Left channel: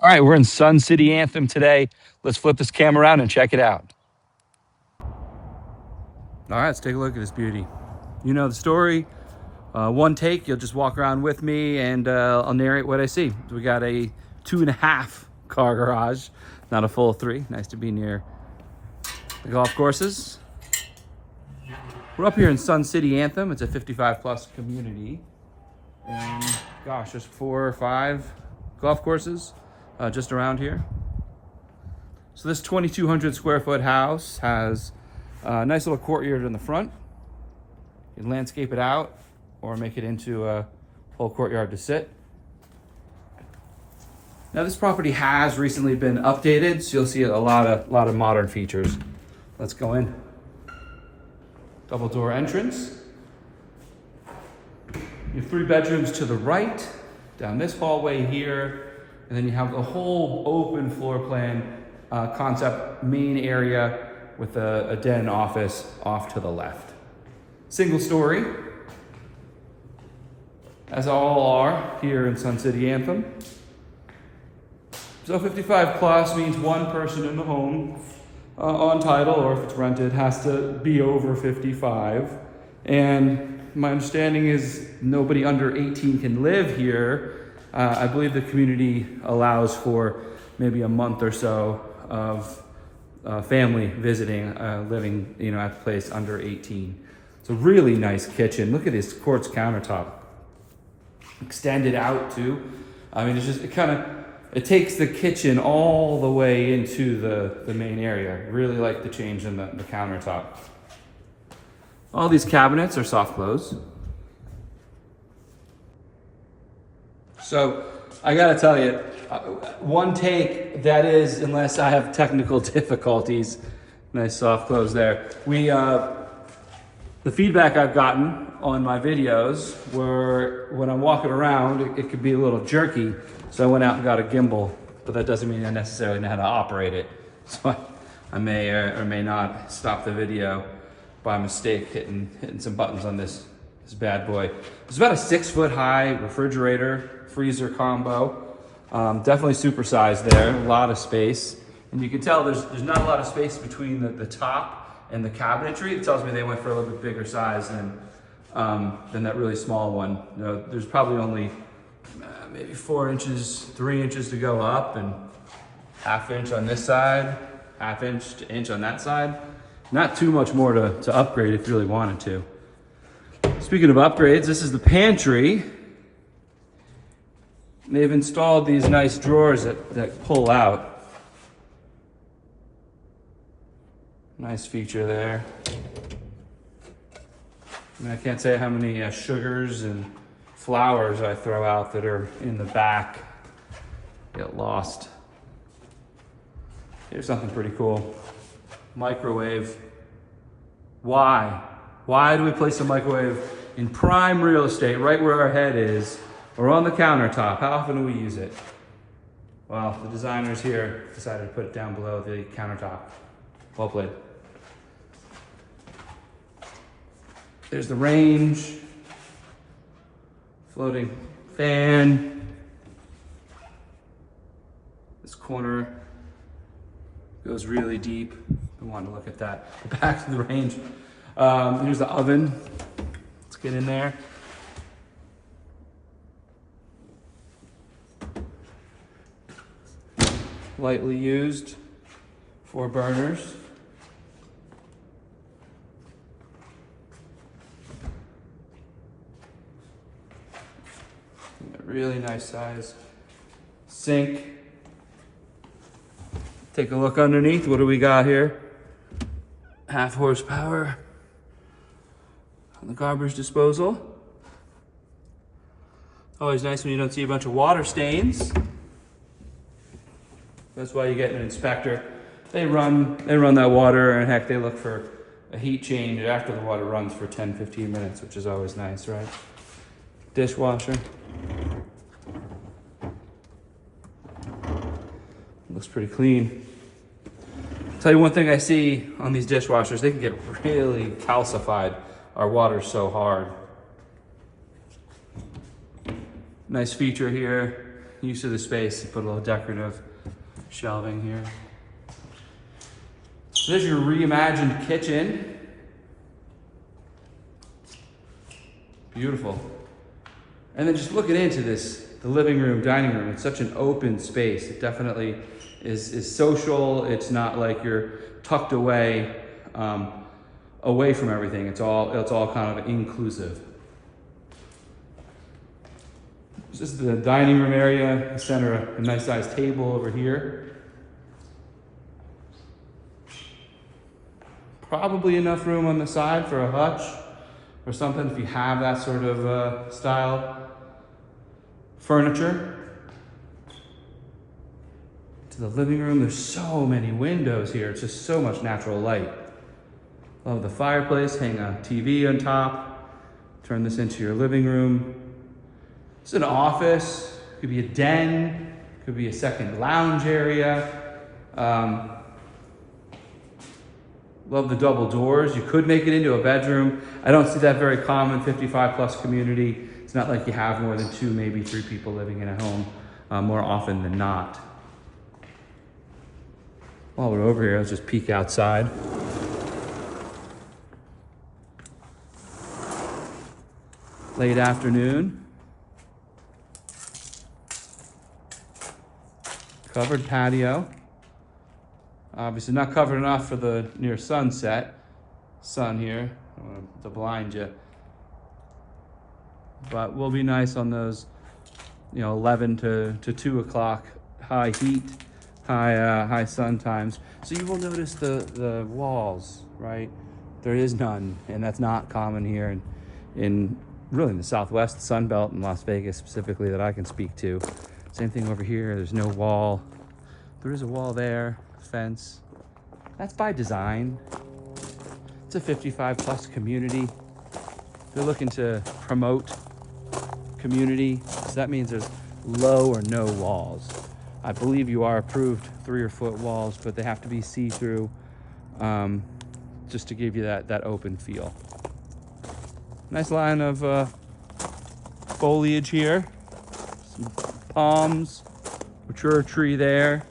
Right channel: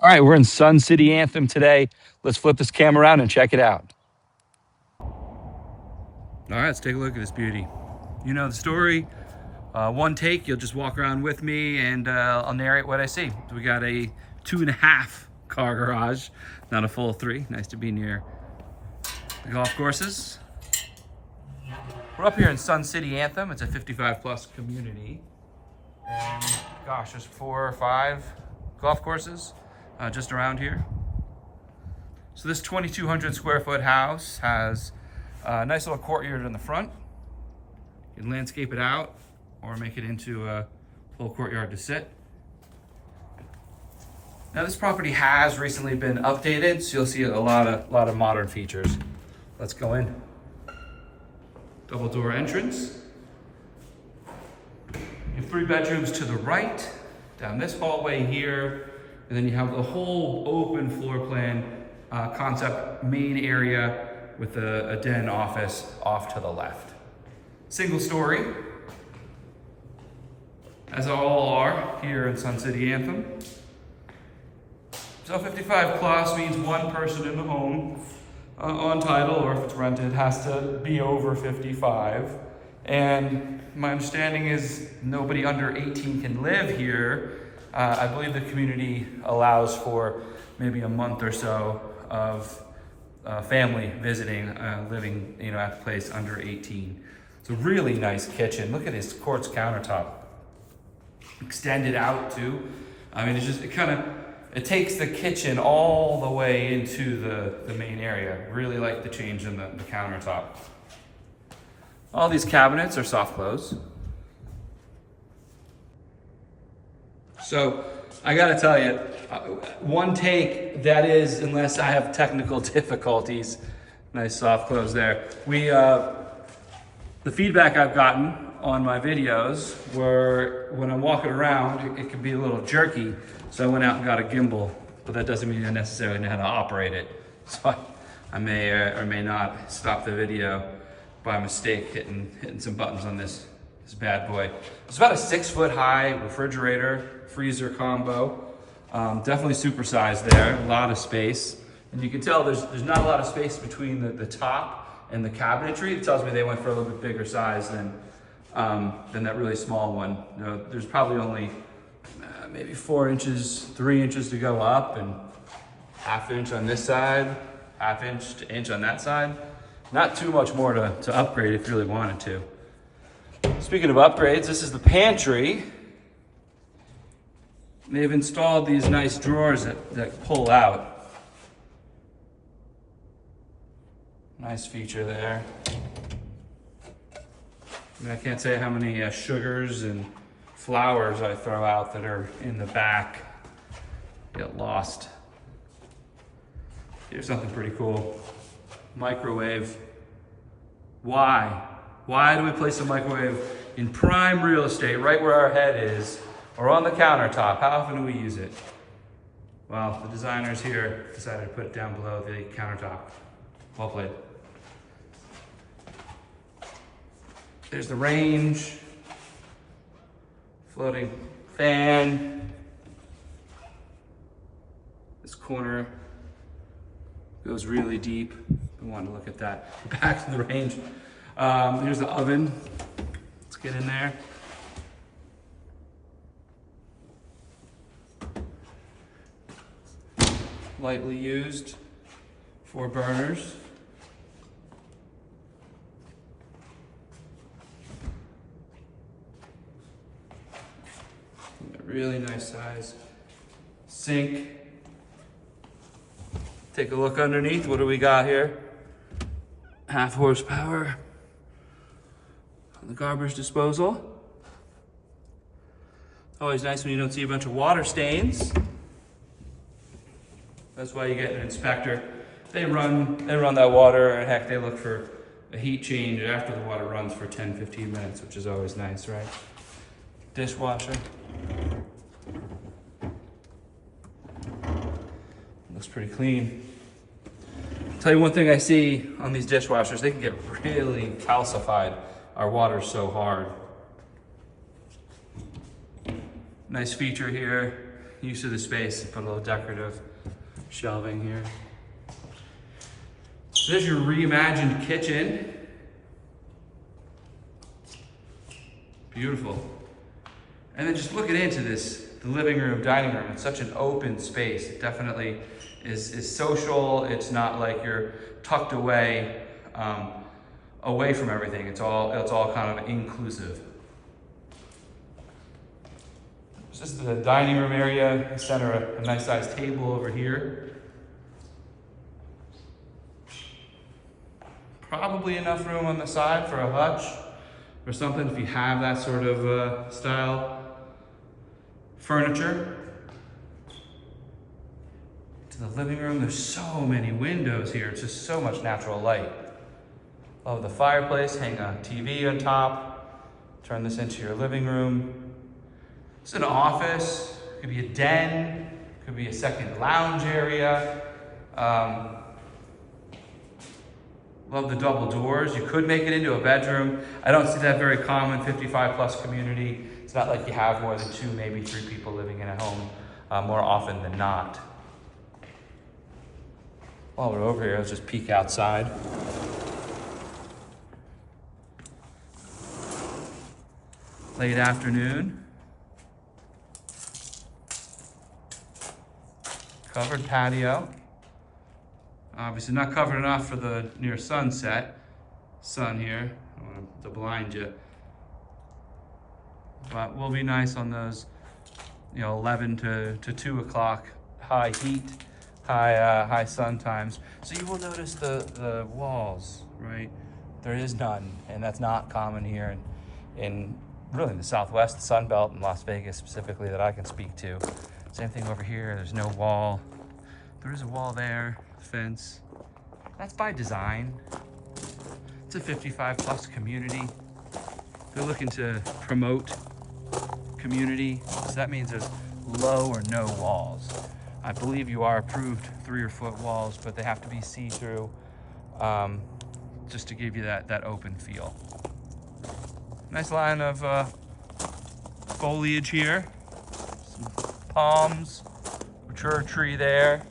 All right, we're in Sun City Anthem today. Let's flip this camera around and check it out. All right, let's take a look at this beauty. You know the story. One take, you'll just walk around with me and I'll narrate what I see. So we got a 2.5 car garage, not a full 3. Nice to be near the golf courses. We're up here in Sun City Anthem. It's a 55 plus community. And gosh, there's 4 or 5 golf courses just around here. So this 2,200 square foot house has a nice little courtyard in the front. You can landscape it out or make it into a whole courtyard to sit. Now this property has recently been updated, so you'll see a lot of modern features. Let's go in. Double door entrance. You have 3 bedrooms to the right, down this hallway here, and then you have the whole open floor plan concept main area with a den office off to the left. Single story, as all are here in Sun City Anthem. So 55 plus means one person in the home on title, or if it's rented, has to be over 55. And my understanding is nobody under 18 can live here. I believe the community allows for maybe a month or so of family visiting, living, at the place under 18. It's a really nice kitchen. Look at this quartz countertop. Extended out too. I mean, it takes the kitchen all the way into the main area. Really like the change in the countertop. All these cabinets are soft close. So I gotta tell you, one take, that is, unless I have technical difficulties. Nice soft close there. The feedback I've gotten on my videos were when I'm walking around, it could be a little jerky. So I went out and got a gimbal, but that doesn't mean I necessarily know how to operate it. So I may or may not stop the video by mistake hitting some buttons on this bad boy. It's about a 6 foot high refrigerator, freezer combo. Definitely supersized there, a lot of space. And you can tell there's not a lot of space between the top and the cabinetry. It tells me they went for a little bit bigger size than that really small one. There's probably only maybe 4 inches, 3 inches to go up, and 1/2 inch on this side, 1/2 inch to inch on that side. Not too much more to upgrade if you really wanted to. Speaking of upgrades, this is the pantry. They've installed these nice drawers that pull out. Nice feature there. I can't say how many sugars and flowers I throw out that are in the back get lost. Here's something pretty cool. Microwave. Why? Why do we place a microwave in prime real estate, right where our head is, or on the countertop? How often do we use it? Well, the designers here decided to put it down below the countertop. Well played. There's the range, floating fan. This corner goes really deep. I want to look at that. Back to the range. Here's the oven. Let's get in there. Lightly used, 4 burners. Really nice size sink. Take a look underneath. What do we got here? 1/2 horsepower on the garbage disposal. Always nice when you don't see a bunch of water stains. That's why you get an inspector. They run that water, and heck, they look for a heat change after the water runs for 10-15 minutes, which is always nice, right? Dishwasher. Looks pretty clean. I'll tell you one thing I see on these dishwashers, they can get really calcified. Our water's so hard. Nice feature here. use of the space to put a little decorative shelving here. So there's your reimagined kitchen. Beautiful. And then just looking into this, the living room, dining room, it's such an open space. It definitely is social. It's not like you're tucked away, away from everything. It's all kind of inclusive. This is the dining room area. I center a nice sized table over here. Probably enough room on the side for a hutch or something if you have that sort of style. Furniture. To the living room, there's so many windows here. It's just so much natural light. Oh, the fireplace, hang a TV on top. Turn this into your living room. It's an office, could be a den, could be a second lounge area. Love the double doors. You could make it into a bedroom. I don't see that very common, 55 plus community. It's not like you have more than 2, maybe 3 people living in a home more often than not. While we're over here, let's just peek outside. Late afternoon. Covered patio. Obviously not covered enough for the near sunset. Sun here, to blind you. But will be nice on those, 11 to 2 o'clock high heat, high sun times. So you will notice the walls, right? There is none, and that's not common here in really the Southwest, the Sun Belt, in Las Vegas specifically that I can speak to. Same thing over here. There's no wall. There is a wall there, fence. That's by design. It's a 55 plus community. They're looking to promote community, so that means there's low or no walls. I believe you are approved 3 or 4 walls, but they have to be see-through, just to give you that open feel. Nice line of foliage here. Some palms, mature tree there.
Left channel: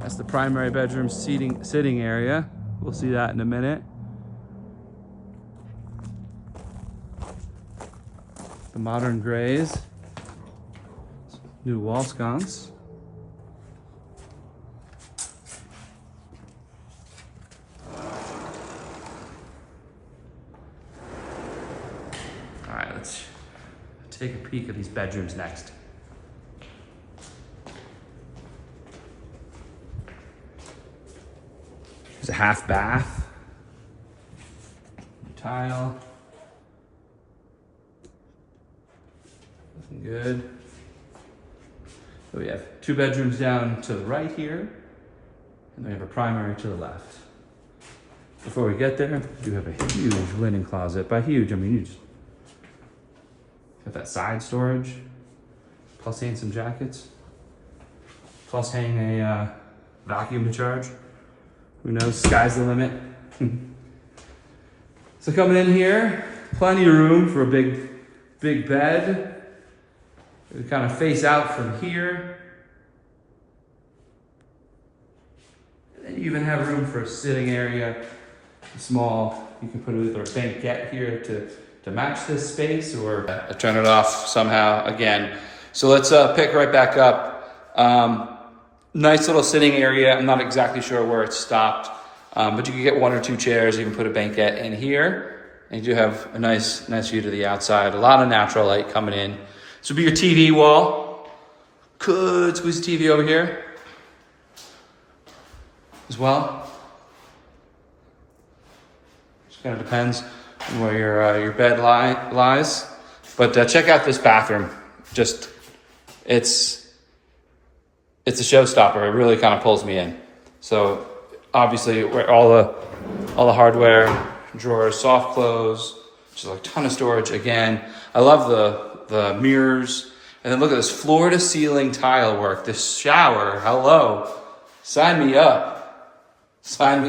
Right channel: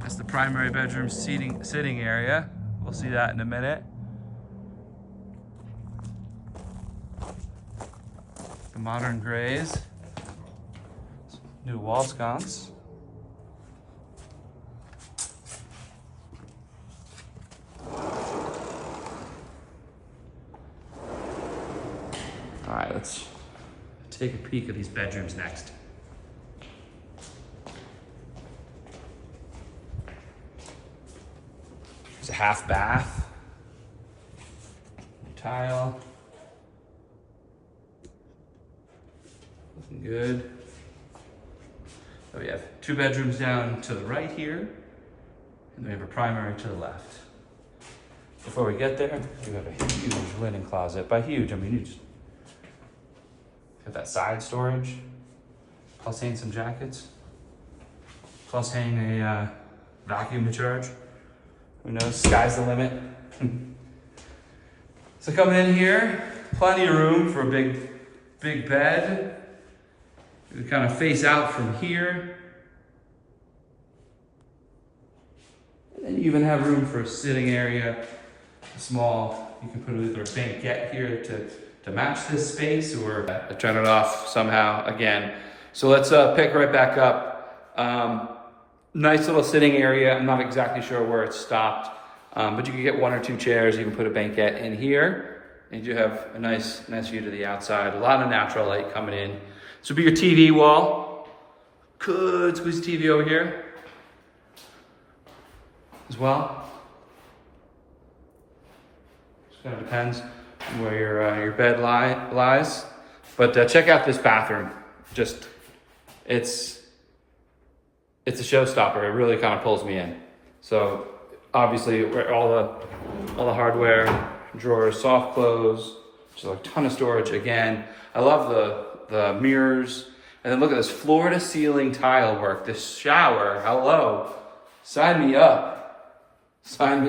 That's the primary bedroom sitting area. We'll see that in a minute. The modern grays. New wall sconce. All right, let's take a peek at these bedrooms next. There's a half bath. Tile. Looking good. So we have 2 bedrooms down to the right here, and we have a primary to the left. Before we get there, we do have a huge linen closet. By huge, I mean you just got that side storage, plus hang some jackets, plus hang a vacuum to charge. Who knows, sky's the limit. So coming in here, plenty of room for a big bed. We kind of face out from here. And then you even have room for a sitting area, small. You can put either a banquette here to match this space, or turn it off somehow again. So let's pick right back up. Nice little sitting area. I'm not exactly sure where it stopped, but you can get 1 or 2 chairs. You can put a banquette in here, and you do have a nice view to the outside. A lot of natural light coming in. This would be your TV wall. Could squeeze the TV over here as well. Just kind of depends on where your bed lies. But check out this bathroom. Just it's a showstopper. It really kind of pulls me in. So obviously, where all the hardware, drawers, soft close, just a ton of storage. Again, I love the mirrors, and then look at this floor to ceiling tile work. This shower, hello, sign me up. So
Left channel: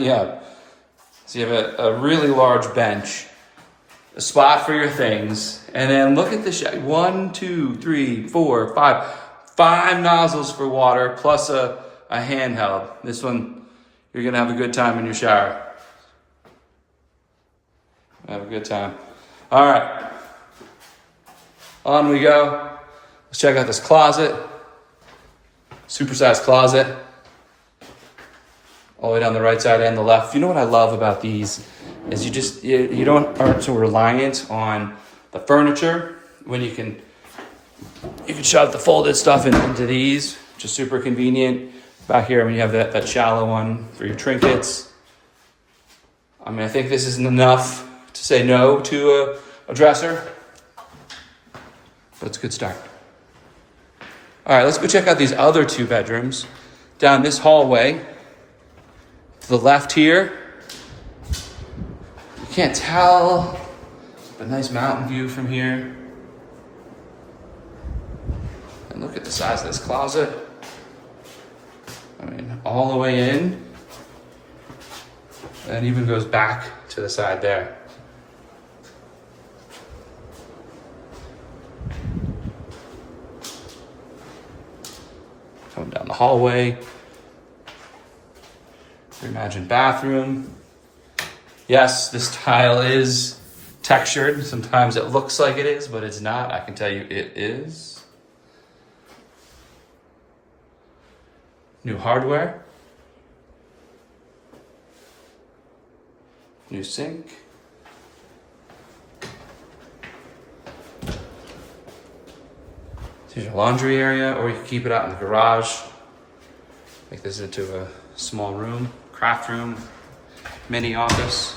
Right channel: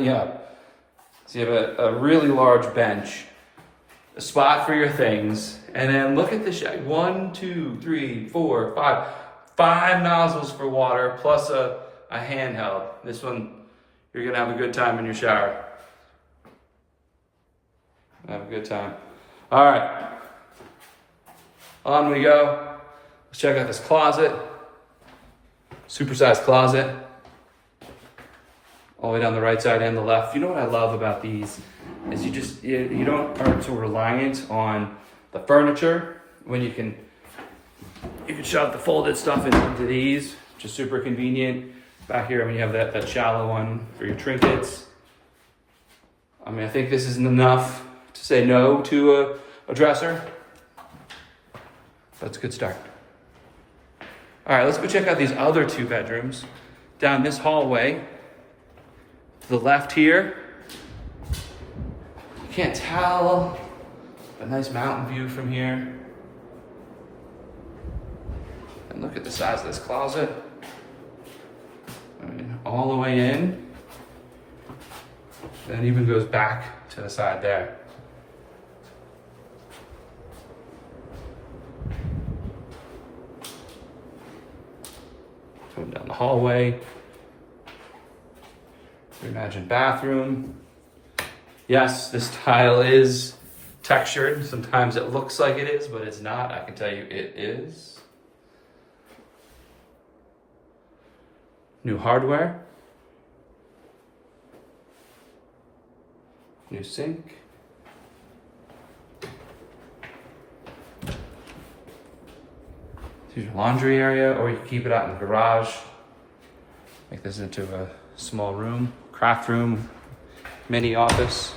you have a really large bench, a spot for your things. And then look at the shower. 1, 2, 3, 4, 5. 5 nozzles for water plus a handheld. This one, you're gonna have a good time in your shower. Have a good time. All right, on we go. Let's check out this closet. Supersized closet. All the way down the right side and the left. You know what I love about these is you aren't so reliant on the furniture when you can shove the folded stuff into these, which is super convenient. Back here when you have that shallow one for your trinkets. I mean, I think this isn't enough to say no to a dresser, but it's a good start. All right, let's go check out these other 2 bedrooms. Down this hallway, to the left here, you can't tell, a nice mountain view from here. And look at the size of this closet. I mean, all the way in, and even goes back to the side there. Coming down the hallway. Reimagined bathroom. Yes, this tile is textured. Sometimes it looks like it is, but it's not. I can tell you it is. New hardware. New sink. Here's your laundry area, or you can keep it out in the garage. Make this into a small room, craft room, mini office.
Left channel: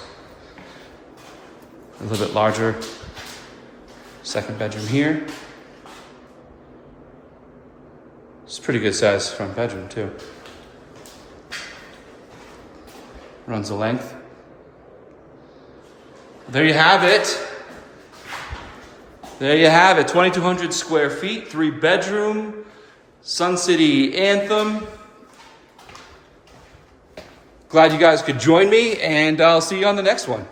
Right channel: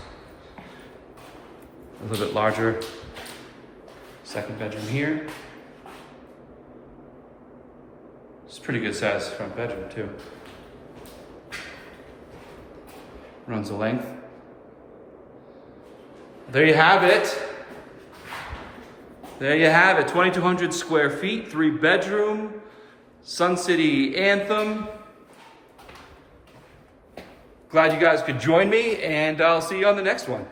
A little bit larger second bedroom here. It's a pretty good size front bedroom too. Runs the length. There you have it. There you have it. 2,200 square feet, 3 bedroom, Sun City Anthem. Glad you guys could join me, and I'll see you on the next one.